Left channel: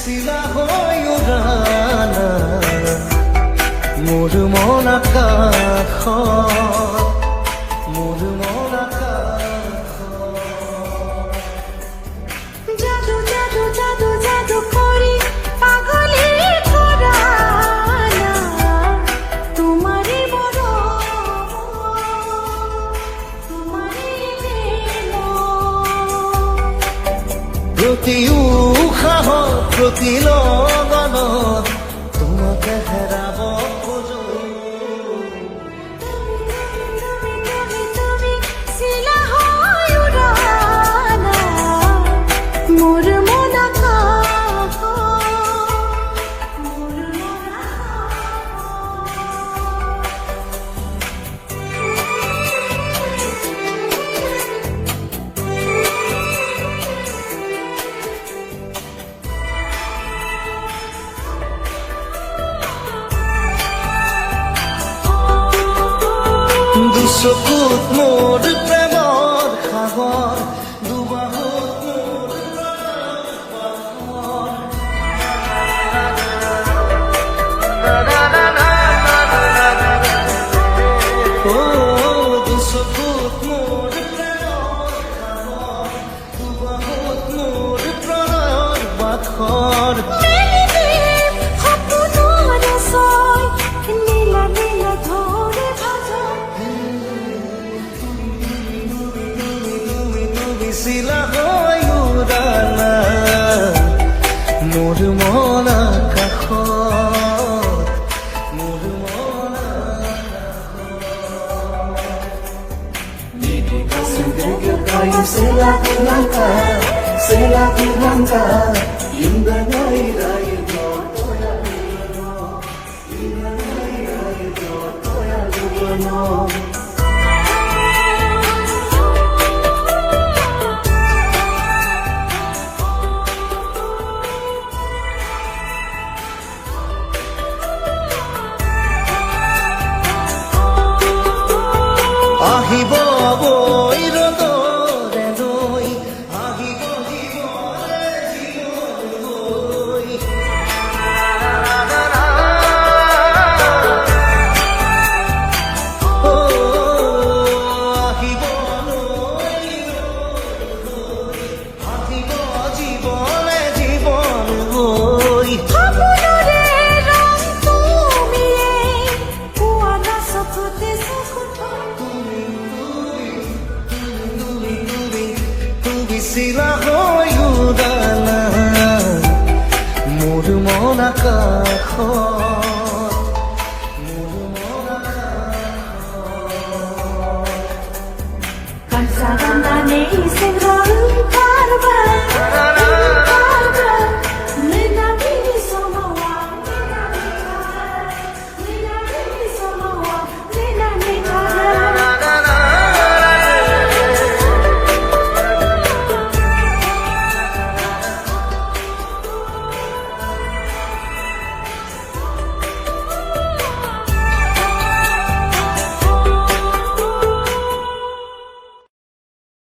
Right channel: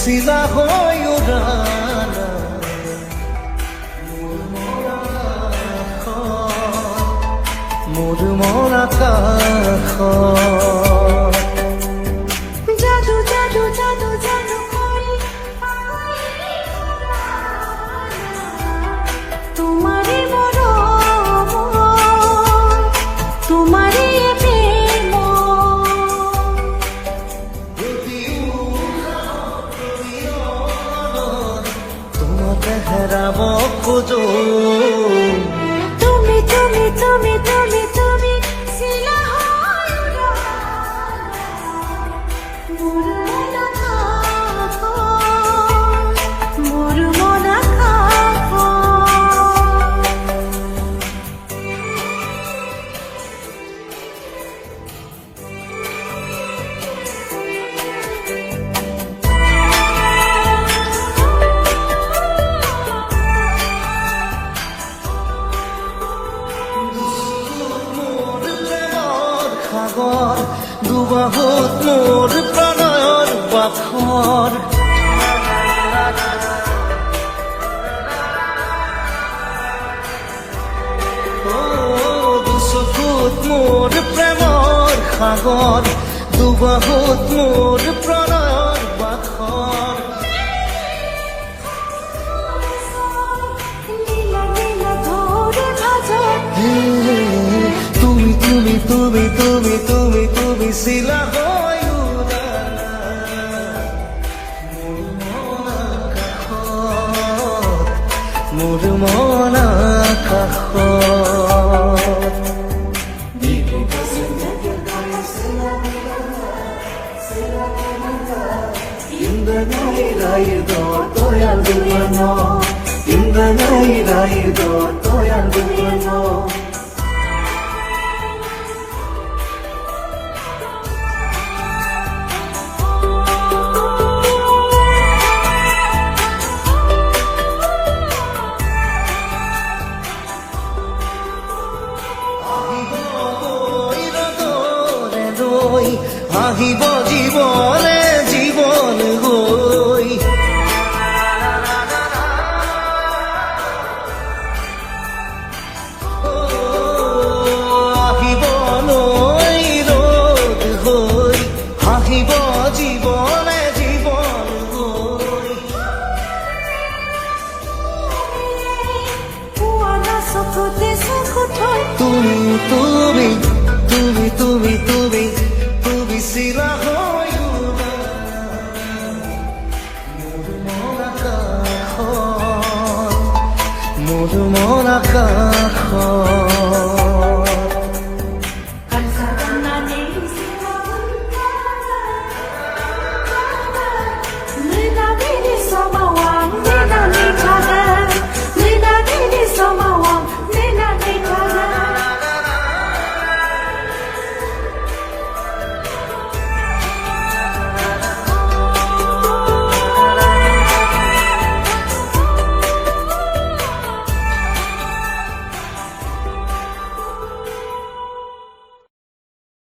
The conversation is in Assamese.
চিলা হৈ উৰানা মোৰ মন আকাশত মোৰ মন আকাশত জাদু জাদু জাদু জাদু কৰি পাগলী কৰা তোমাৰে মৰম তোমাৰে প্ৰেম প্ৰতি উশাহত প্ৰতি লগনত তোমাকে হেৰাব খোজো তুমি তুমি তুমি তুমি তুমি চিলা হৈ উৰানা মোৰ মন আকাশত মোৰ মন আকাশত দুচকুত মোৰ প্ৰেমৰ সাগৰ দুবাহুত মোৰ প্ৰণয়ৰ বাখৰ দুচকুত মোৰ প্ৰেমৰ সাগৰ দুবাহুত মোৰ প্ৰণয়ৰ বাখৰ তুমি চিলা হৈ উৰানা মোৰ মন আকাশত মোৰ মন আকাশত আহিব বৈ ৰ'দৰে নৈ আহিব জীৱনে জীৱন গৈ আহিব নৈ ৰ'দ হৈ আহিব জীৱনে জীৱন গৈ তুমি তুমি তুমি তুমি তুমি তুমি চিলা হৈ উৰানা মোৰ মন আকাশত মোৰ মন আকাশত